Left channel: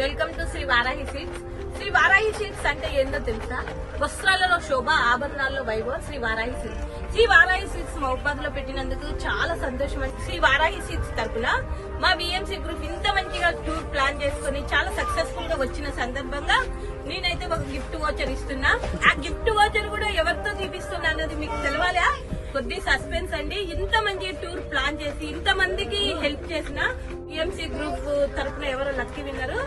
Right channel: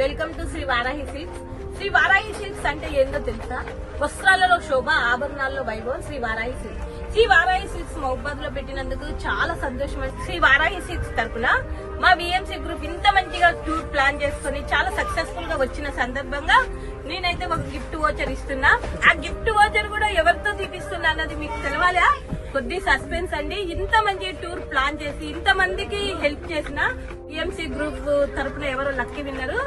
Welcome to Shri Varahi Silks Shri Varahi Silks అంటే ఏందో తెలుసా? వస్త్రాలలో శోభ ఆభరణాల్లో వైభవం శ్రీ వారాహి సిల్క్స్ శ్రీ వారాహి సిల్క్స్ మహబాద్లో పెట్టినందుకు చాలా సంతోషం శ్రీ వారాహి సిల్క్స్ తరపున మా బిఎంసీ గ్రూప్ ఇంత మంచిగా టూర్ ప్లాన్ చేసుకుని చాలా సక్సెస్ఫుల్గా వచ్చిన సందర్భంగా నేనైతే ఒక గిఫ్ట్ వాచర్ ఇస్తున్నా. ఆ గిఫ్ట్ వాచర్ కూడా ఎవరితో తీపిస్తున్నా అన్నది మీకు తెలవాలా? కొద్ది సస్పెన్స్ అండి. ఇంత మంచి టూర్ ప్లాన్ చేసి ఇంత మందికి హెల్ప్ చేసిన ఈఎంసీ గ్రూప్ తరపున ఎవరో లక్కీ విన్నరు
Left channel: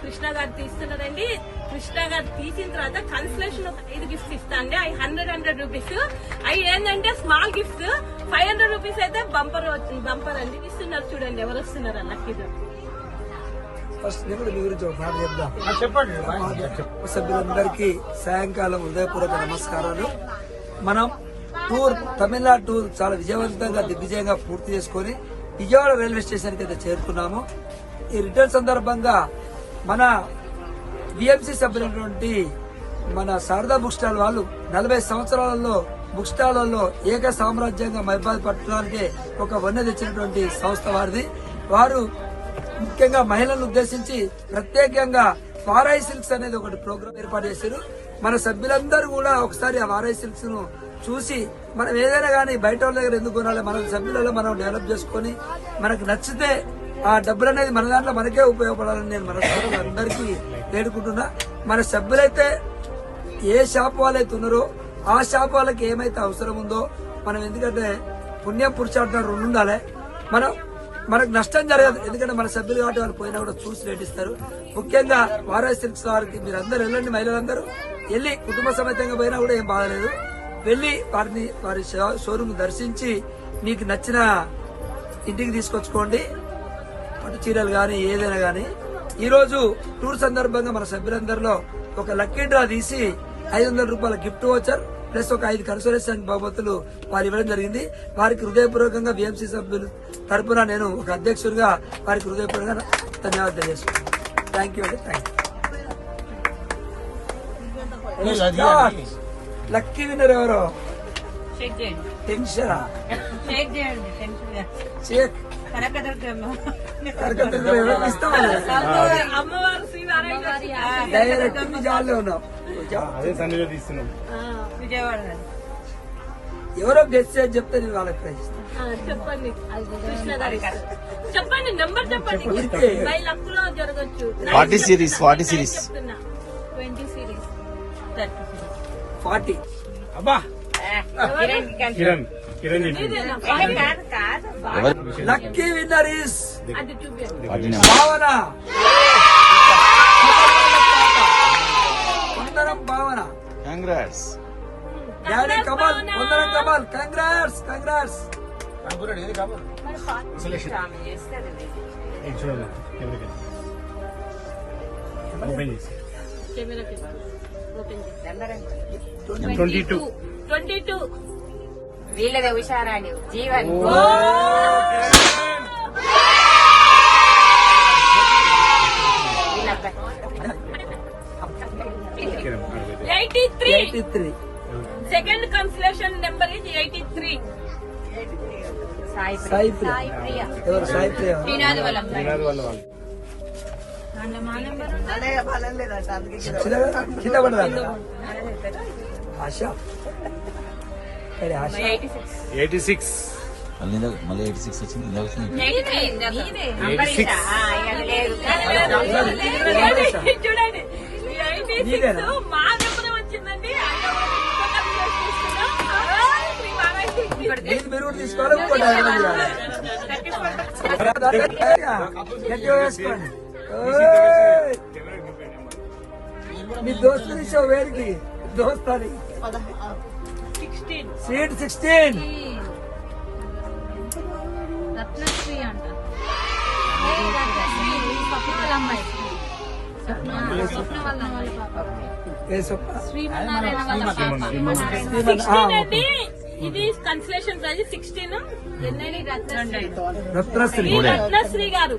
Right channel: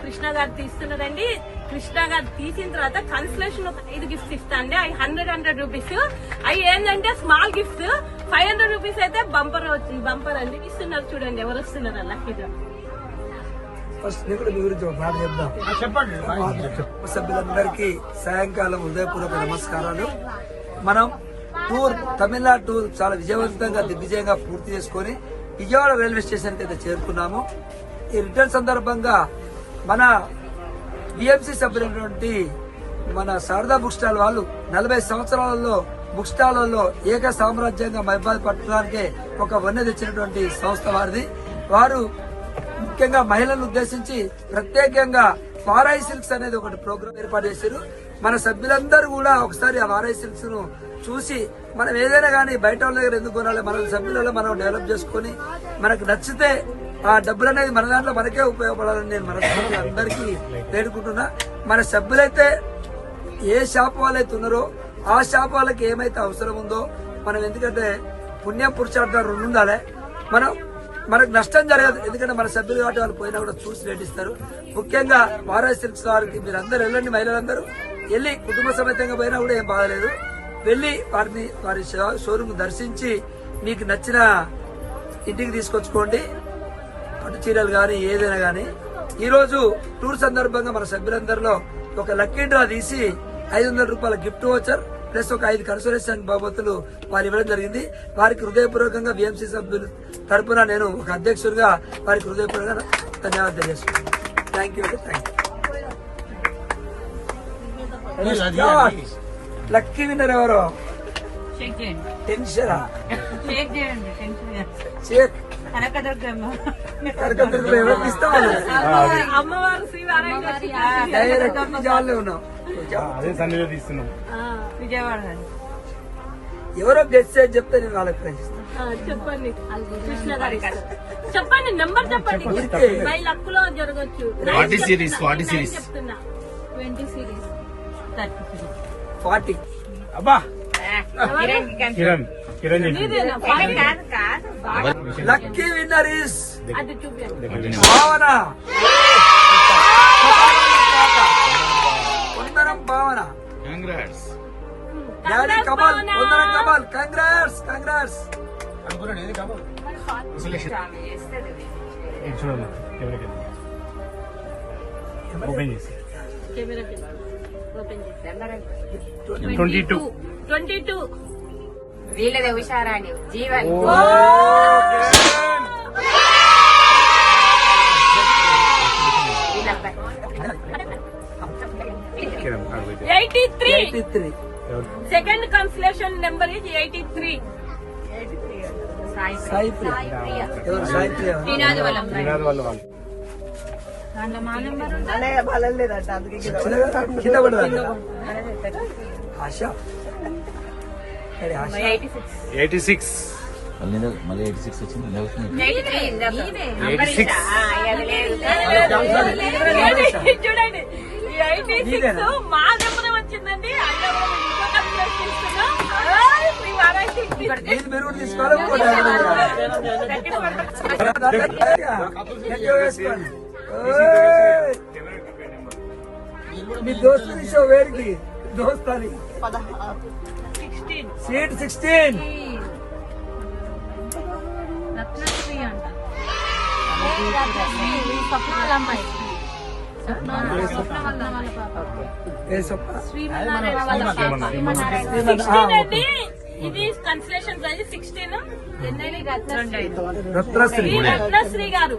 కృష్ణ గారు తీస్తున్నారండి. కృష్ణ గారు తీసిన తర్వాత కన్సలేషన్ ఒక ఐదు గిఫ్ట్స్ ఇస్తా అండి. అవి హండ్రెడ్ హండ్రెడ్ రూపీస్ అవి ఏంటంటే small gifts five hundred rupees అయితే బంపర్ బంపర్ అండి. ఇస్తున్నారు చూడండి ఎవరు వస్తున్నారు లక్కీ ఫస్ట్ నేను కూడా మీ గురించి ఒక మాట చెప్దాం. చెప్పండి. సభ్యులందరికీ సాయంకాలం హృదయపూర్వక నమస్కారాలు. మనం టూర్ తమిళనాడు టూర్ చాలా విజయవంతంగా దిగ్విజయంగా పూర్తి చేసుకొని విజయవాడ రైల్వే స్టేషన్కి అయితే చేరుకున్నాము. ఈ రిటర్న్ సందర్భంగా మన బిఎంసి సభ్యులైనటువంటి మన శారదా బుక్ స్టాల్ వాళ్ళు నలభై సంవత్సరాలలో బుక్ స్టాల్లో ఏక సామ్రాజ్యంగా మైబాద్ పట్టడానికి ఒక వన్నె తెచ్చినటువంటి సంస్థ వారిది. వారు ముఖ్యంగా మహిళలను ఉద్దేశించి ప్రత్యేకంగా వారాయి సిల్క్స్ అనేది ఒకటి ప్రోగ్రామ్ ఏర్పాటు చేశారు. మన సభ్యులందరూ కూడా ఒకసారి ఆ వారాయి సిల్క్స్ను చూసి మనం ఏదైనా కానీ బయట వాళ్ళ దగ్గర ఎందుకు కొనాలి? మన సభ్యులలో మనం డెవలప్ చేసుకొని మనకు నచ్చితే ఆ డబ్బులు అనేది మన దాంట్లో మనకే ఉపయోగపడాలని నేను సభ్యులు అందరికీ వేడుకుంటున్నా. మన సభ్యులైతే ఏ షాప్ వాళ్ళైతే ఉన్నారో ఆ షాప్ వాళ్ళకి ఏమైతే అవసరం ఉందో మనం ఎందుకంటే పుణ్యం పురుషార్థం రెండు ఉండాలి. మనం మనకు నష్టం జరగదు. ఎందుకంటే మన సభ్యులు కాబట్టి వాళ్ళు పోయినా కూడా చూసి రేట్ ముఖ్యంగా వారాయి సిల్క్స్ వారికి మీరు అందరూ వెళ్ళండి మహిళలందరూ. వెళ్ళి కుటుంబ సమేతంగా పోయినా కూడా ఏం బాధలేదు వెళ్ళి వారిని వారి షోరూమ్ దర్శించి మీకు నచ్చిన ఇంటికి తీసుకొచ్చుకోండి. పట్టు చీరలు కానీ ఏదైనా కానీ ఈ రోజు టూర్ సందర్భంగా మన సభ్యులందరిలో ఒక లక్కీ డ్రా తీసి ఐదు వందల రూపాయల గిఫ్ట్ వచ్చర్ ప్లస్ ఒక ఐదు కన్సోలేషన్ బహుమతులు వారు ఇవ్వడం జరిగింది. వారికి హృదయపూర్వకంగా విఎంసీ సభ్యులు తరపున నేను ఒక అధ్యక్షుడిగా వారికి హృదయపూర్వకంగా ధన్యవాదాలు తెలియజేస్తున్నాను. Thank you thank you lucky winner ఎవరు? టెన్షన్ ఎవరికి జాల్లో ఉన్నాం ఎవరో గెస్ట్ చేసి చెప్తే నేను వాళ్ళకి ప్రైజ్ చెప్పండి. చెప్పండి నెంబర్ సిరీస్ సిరీస్ ఫార్టీ అబ్బా కిరణ్ కిరణ్ చెప్పింది లక్కీ విన్నర్ ఇస్ అది చూపించండి భావన వందనం భావన కంగ్రాట్స్ డాడీ కమల్ వందనం కమల్ కంగ్రాట్స్ కంగ్రాట్స్ చూడండి కెమెరాకి ఓపెన్ చేసి కెమెరాకి ఓపెన్ చేసి twenty two twenty two వీళ్ళదే హుషారాని Jeevan. Eighty three eighty three second consolation number ఇది ఎయిటీ త్రీ సాయి ప్రియ. ఎవరు సాయి ప్రియ? ఎవరు? శ్రీనాథ్ వాళ్ళ ఆశ సరే ఆశ ఎయిటీ సిక్స్ మళ్ళీ మళ్ళీ ఎయిటీ సిక్స్ వచ్చింది వచ్చింది సిక్స్ చూడండి సిక్స్? మా వచ్చిందండి తీసుకోవాలి మీ దోస్తుని షో వేడికి. దోస్తాని సీట్ సిక్స్టీన్. ఇది consolation prize sixteen Ratnasri. Ratnasri గారు.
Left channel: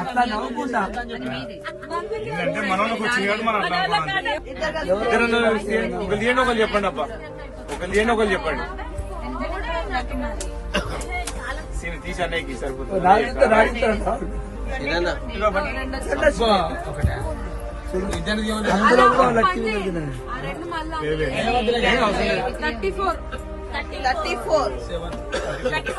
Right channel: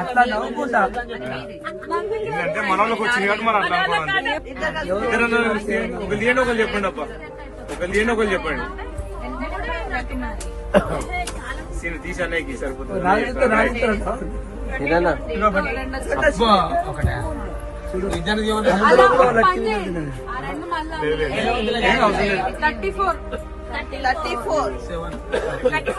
అట్లా నవ్వుకుంటా. ఎందుకంటే మనలోకి వచ్చింది కాబట్టి మనం అట్లా అనుకోవాలి. ఒకరు తీయండి ఒకరు చెప్పండి అప్ప ఒకరు తీయండి ఒకరు చెప్పండి. సీన్ తీసానేకి సరిపోతుంది. Thirty four. Thirty four. Thirty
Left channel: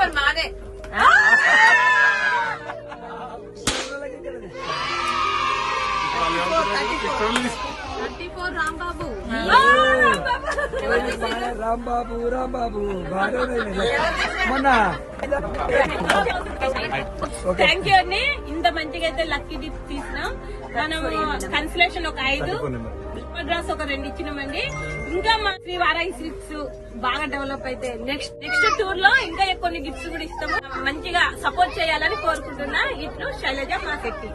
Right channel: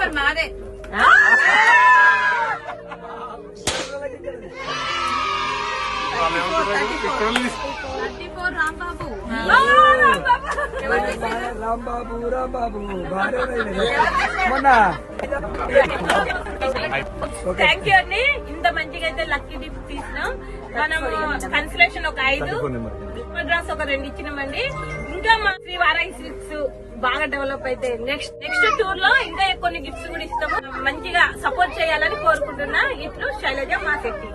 Rambabu. Rambabu. Rambabu మొన్న. థ్యాంక్ యూ అండి. ఇంత మంచిగా అయితే లక్కీ డిప్స్ తీసినాం. మనము కన్సలేషన్ ఒక ఐదు డ్రాస్ ఒక రెండు ఇచ్చినామండి. ఇంకా మా శ్రీ వారాయి సిల్క్స్ బాగా డెవలప్ అయితే నెక్స్ట్ నెక్స్ట్ టూర్లో ఇంకా కొన్ని గిఫ్ట్స్ కూడా ఇస్తాము. మంచిగా సపోర్ట్ చేయాలని కోరుకుంటున్నా. ఇట్లు శైలజ మా శక్తి